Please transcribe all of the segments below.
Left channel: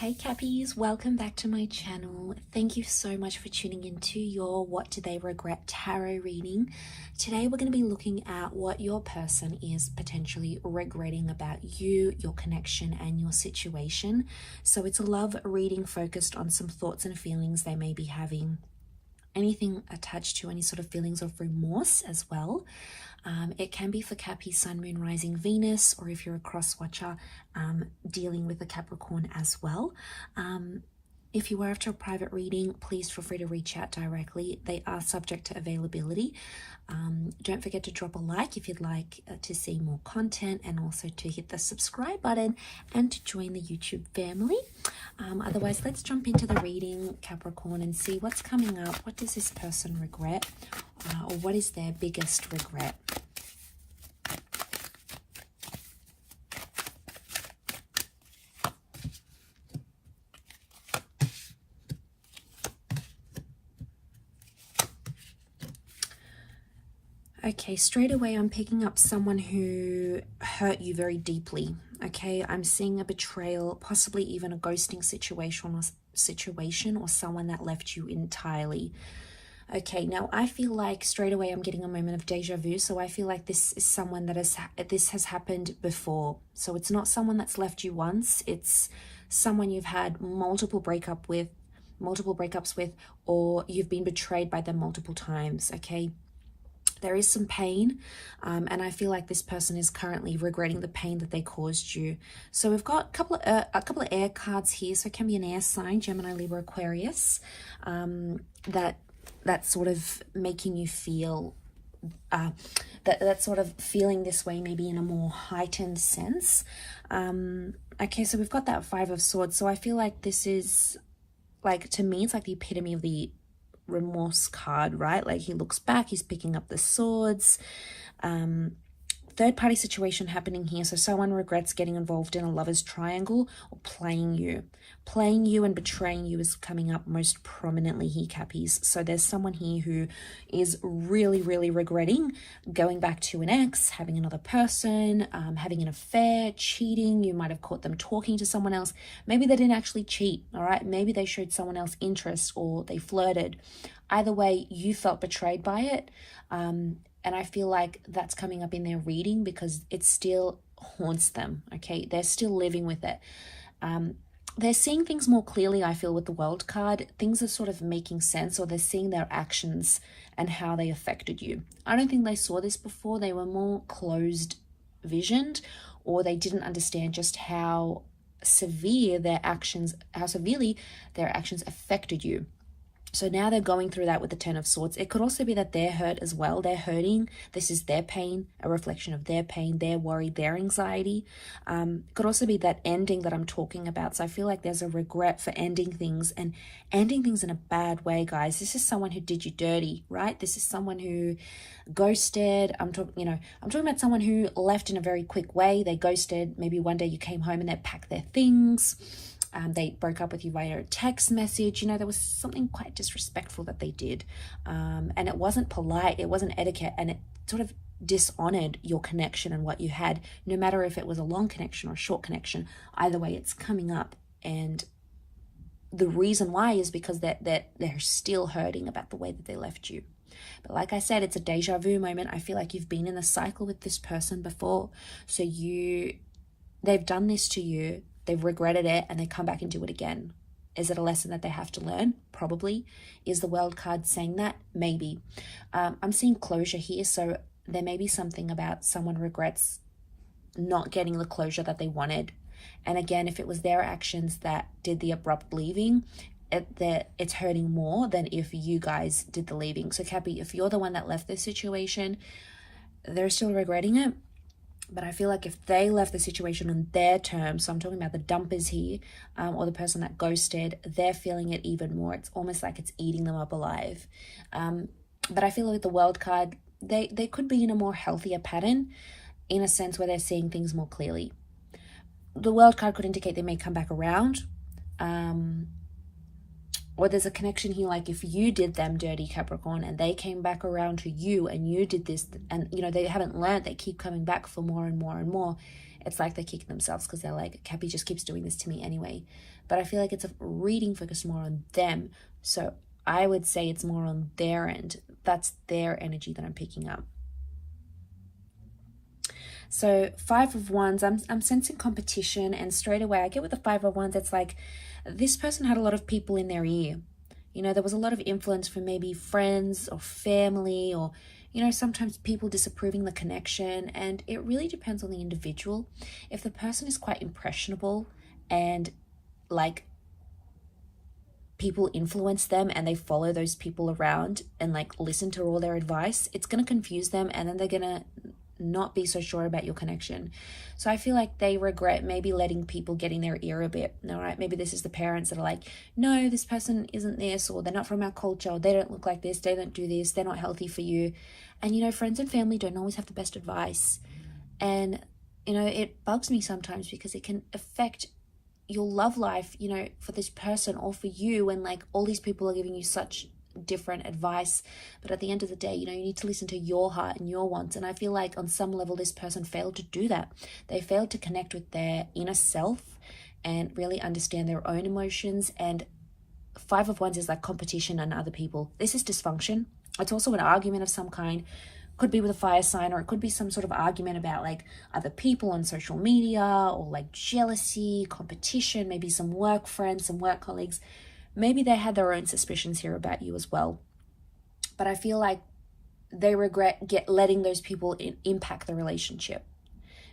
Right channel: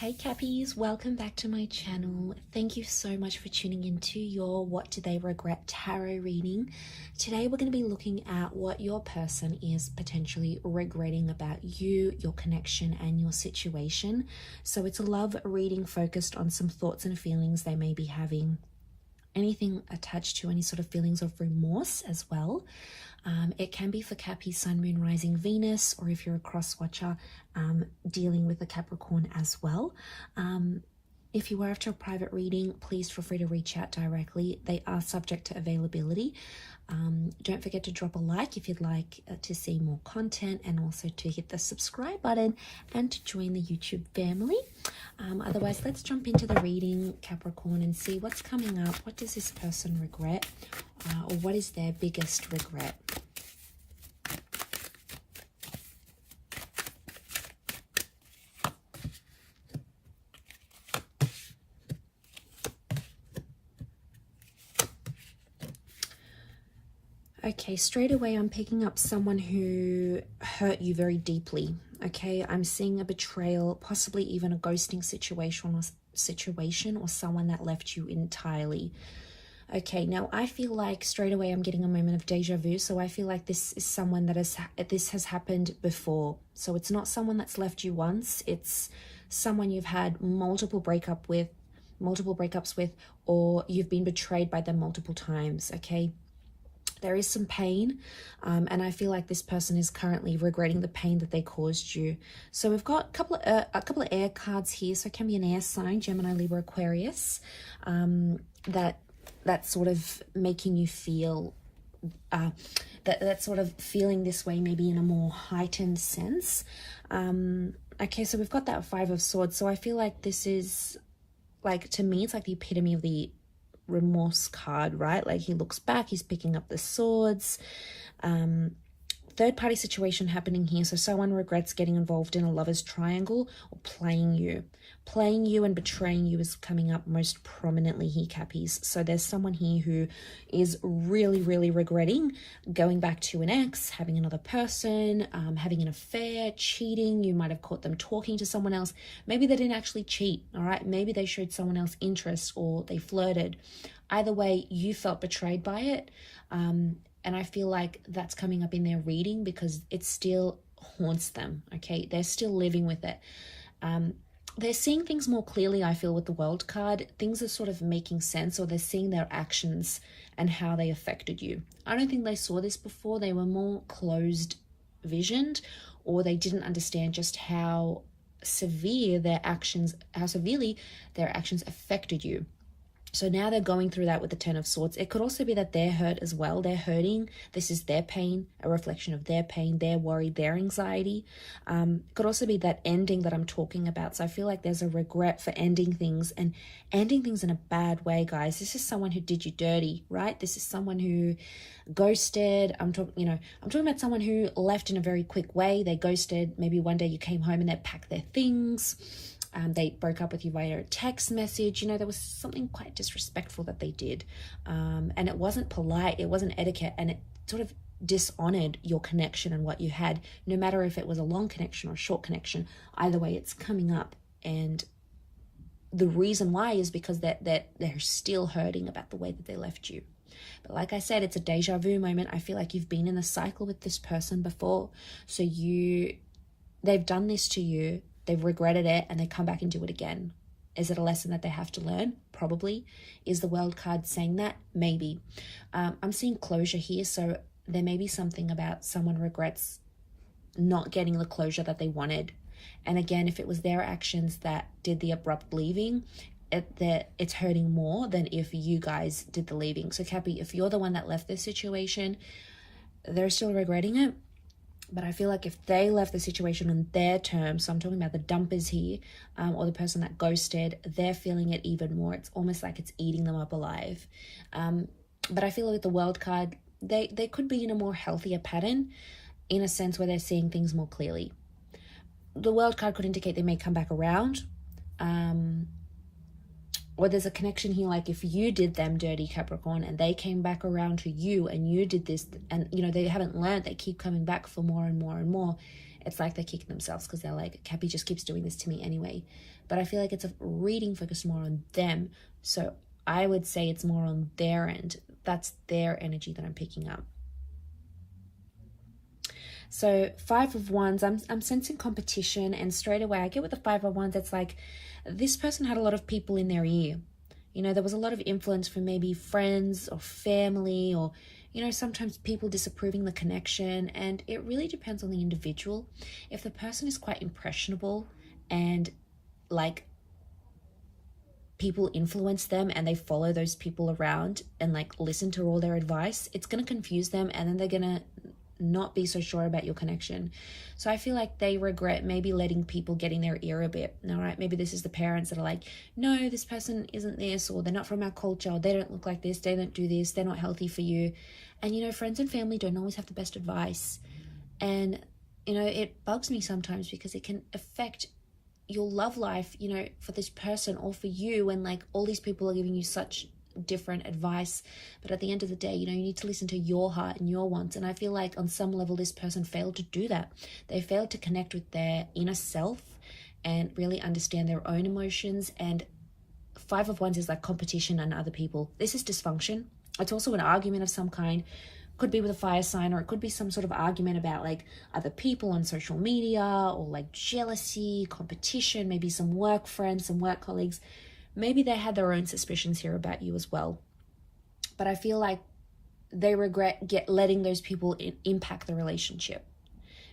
Hey Cappies, welcome back to my channel. Thank you so much for tuning into your What Do They Regret tarot reading. Today we're going to be looking at what your person is potentially regretting about you, your connection and your situation. So it's a love reading focused on some thoughts and feelings they may be having. Anything attached to any sort of feelings of remorse as well. It can be for Cappy, Sun, Moon, Rising, Venus, or if you're a cross-watcher, dealing with a Capricorn as well. If you are after a private reading, please feel free to reach out directly. They are subject to availability. Don't forget to drop a like if you'd like to see more content, and also to hit the subscribe button and to join the YouTube family. Otherwise, let's jump into the reading, Capricorn, and see what's coming up. What does this person regret? Or what is their biggest regret? Okay, straight away I'm picking up someone who hurt you very deeply. Okay, I'm seeing a betrayal, possibly even a ghosting situation, or someone that left you entirely. Okay, now I feel like straight away I'm getting a moment of deja vu. So I feel like this is someone that has happened before. So it's not someone that's left you once. It's someone you've had multiple breakups with, or you've been betrayed by them multiple times. Okay. There is some pain, and I feel like this person is currently regretting the pain that they caused you. So we've got a couple of air cards here. So it can be an air sign, Gemini, Libra, Aquarius, that's sort of making you feel that's sort of feeling this way, maybe in a more heightened sense. Okay, so we've got that Five of Swords. So I feel like this is, like, to me, it's like the epitome of the remorse card, right? Like, he looks back, he's picking up the swords. Third party situation happening here. So someone regrets getting involved in a lover's triangle or playing you and betraying you is coming up most prominently here, Cappies. So there's someone here who is really regretting going back to an ex, having another person, having an affair, cheating. You might have caught them talking to someone else. Maybe they didn't actually cheat, all right? Maybe they showed someone else interest, or they flirted. Either way, you felt betrayed by it. And I feel like that's coming up in their reading because it still haunts them, okay? They're still living with it. They're seeing things more clearly, I feel, with the World card. Things are sort of making sense, or they're seeing their actions and how they affected you. I don't think they saw this before. They were more closed visioned, or they didn't understand just how severely their actions affected you. So now they're going through that with the Ten of Swords. It could also be that they're hurt as well. They're hurting. This is their pain, a reflection of their pain, their worry, their anxiety. Could also be that ending that I'm talking about. So I feel like there's a regret for ending things, and ending things in a bad way, guys. This is someone who did you dirty, right? This is someone who ghosted. I'm talking about someone who left in a very quick way. They ghosted. Maybe one day you came home and they packed their things. They broke up with you via a text message. There was something quite disrespectful that they did. And it wasn't polite, it wasn't etiquette, and it sort of dishonored your connection and what you had, no matter if it was a long connection or a short connection. Either way, it's coming up. And the reason why is because they're still hurting about the way that they left you. But like I said, it's a deja vu moment. I feel like you've been in a cycle with this person before. So they've done this to you. They've regretted it, and they come back and do it again. Is it a lesson that they have to learn? Probably. Is the World card saying that? Maybe. I'm seeing closure here, so there may be something about someone regrets not getting the closure that they wanted. And again, if it was their actions that did the abrupt leaving, it's hurting more than if you guys did the leaving. So Cappy, if you're the one that left this situation, they're still regretting it. But I feel like if they left the situation on their terms, so I'm talking about the dumpers here, or the person that ghosted, they're feeling it even more. It's almost like it's eating them up alive. But I feel like with the World card, they could be in a more healthier pattern, in a sense where they're seeing things more clearly. The World card could indicate they may come back around. Or there's a connection here, like if you did them dirty, Capricorn, and they came back around to you and you did this, and they haven't learned, they keep coming back for more and more and more. it's like they're kicking themselves because they're like, Cappy just keeps doing this to me anyway. But I feel like it's a reading focused more on them. So I would say it's more on their end. That's their energy that I'm picking up. So 5 of Wands, I'm sensing competition, and straight away I get with the 5 of Wands, it's like this person had a lot of people in their ear. You know, there was a lot of influence from maybe friends or family, or, you know, sometimes people disapproving the connection, and it really depends on the individual. If the person is quite impressionable and like people influence them and they follow those people around and like listen to all their advice, it's going to confuse them, and then they're going to not be so sure about your connection. So I feel like they regret maybe letting people get in their ear a bit. All right, maybe this is the parents that are like, no, this person isn't this, or they're not from our culture, or they don't look like this, they don't do this, they're not healthy for you. And you know, friends and family don't always have the best advice. And you know, it bugs me sometimes because it can affect your love life, you know, for this person or for you, when like all these people are giving you such different advice. But at the end of the day, you know, you need to listen to your heart and your wants. And I feel like on some level this person failed to do that. They failed to connect with their inner self and really understand their own emotions. And 5 of Wands is like competition on other people. This is dysfunction. It's also an argument of some kind. Could be with a fire sign, or it could be some sort of argument about like other people on social media, or like jealousy, competition, maybe some work friends, some work colleagues. Maybe they had their own suspicions here about you as well. But I feel like they regret letting those people impact the relationship.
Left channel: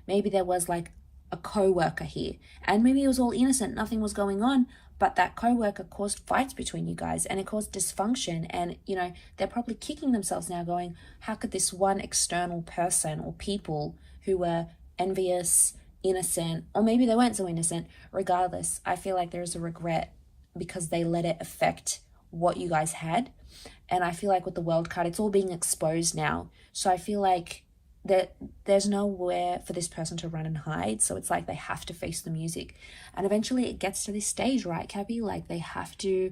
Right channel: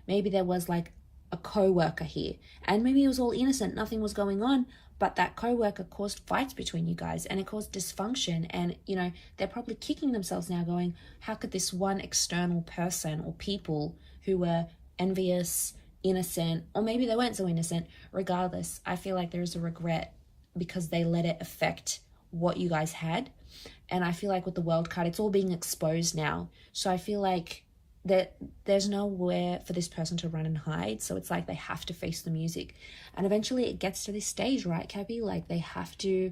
Maybe there was like a co-worker here, and maybe it was all innocent, nothing was going on, but that co-worker caused fights between you guys, and it caused dysfunction. And you know, they're probably kicking themselves now going, how could this one external person or people who were envious, innocent, or maybe they weren't so innocent, regardless, I feel like there's a regret because they let it affect what you guys had. And I feel like with the World card, it's all being exposed now. So I feel like that there's nowhere for this person to run and hide. So it's like they have to face the music. And eventually it gets to this stage, right, Cappy? Like they have to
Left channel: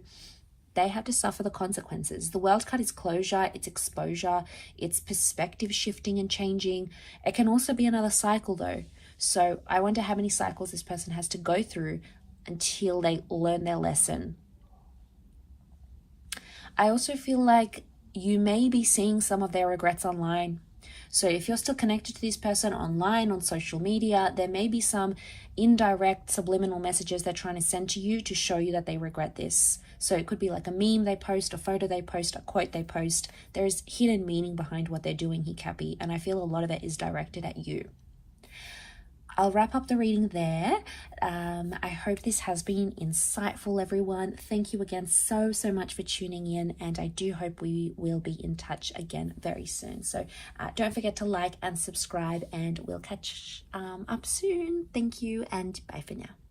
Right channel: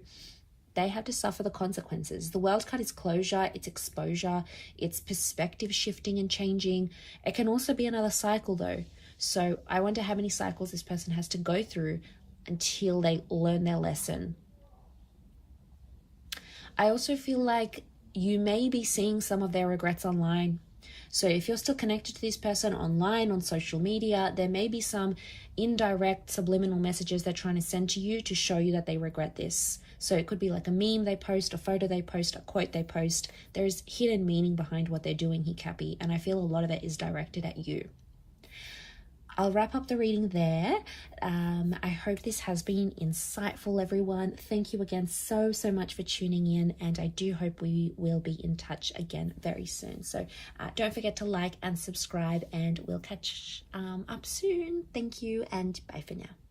suffer the consequences. The World card is closure, it's exposure, it's perspective shifting and changing. It can also be another cycle though. So I wonder how many cycles this person has to go through until they learn their lesson. I also feel like you may be seeing some of their regrets online. So if you're still connected to this person online, on social media, there may be some indirect subliminal messages they're trying to send to you to show you that they regret this. So it could be like a meme they post, a photo they post, a quote they post. There's hidden meaning behind what they're doing here, Cappy, and I feel a lot of it is directed at you. I'll wrap up the reading there. I hope this has been insightful, everyone. Thank you again so much for tuning in, and I do hope we will be in touch again very soon. So don't forget to like and subscribe, and we'll catch up soon. Thank you, and bye for now.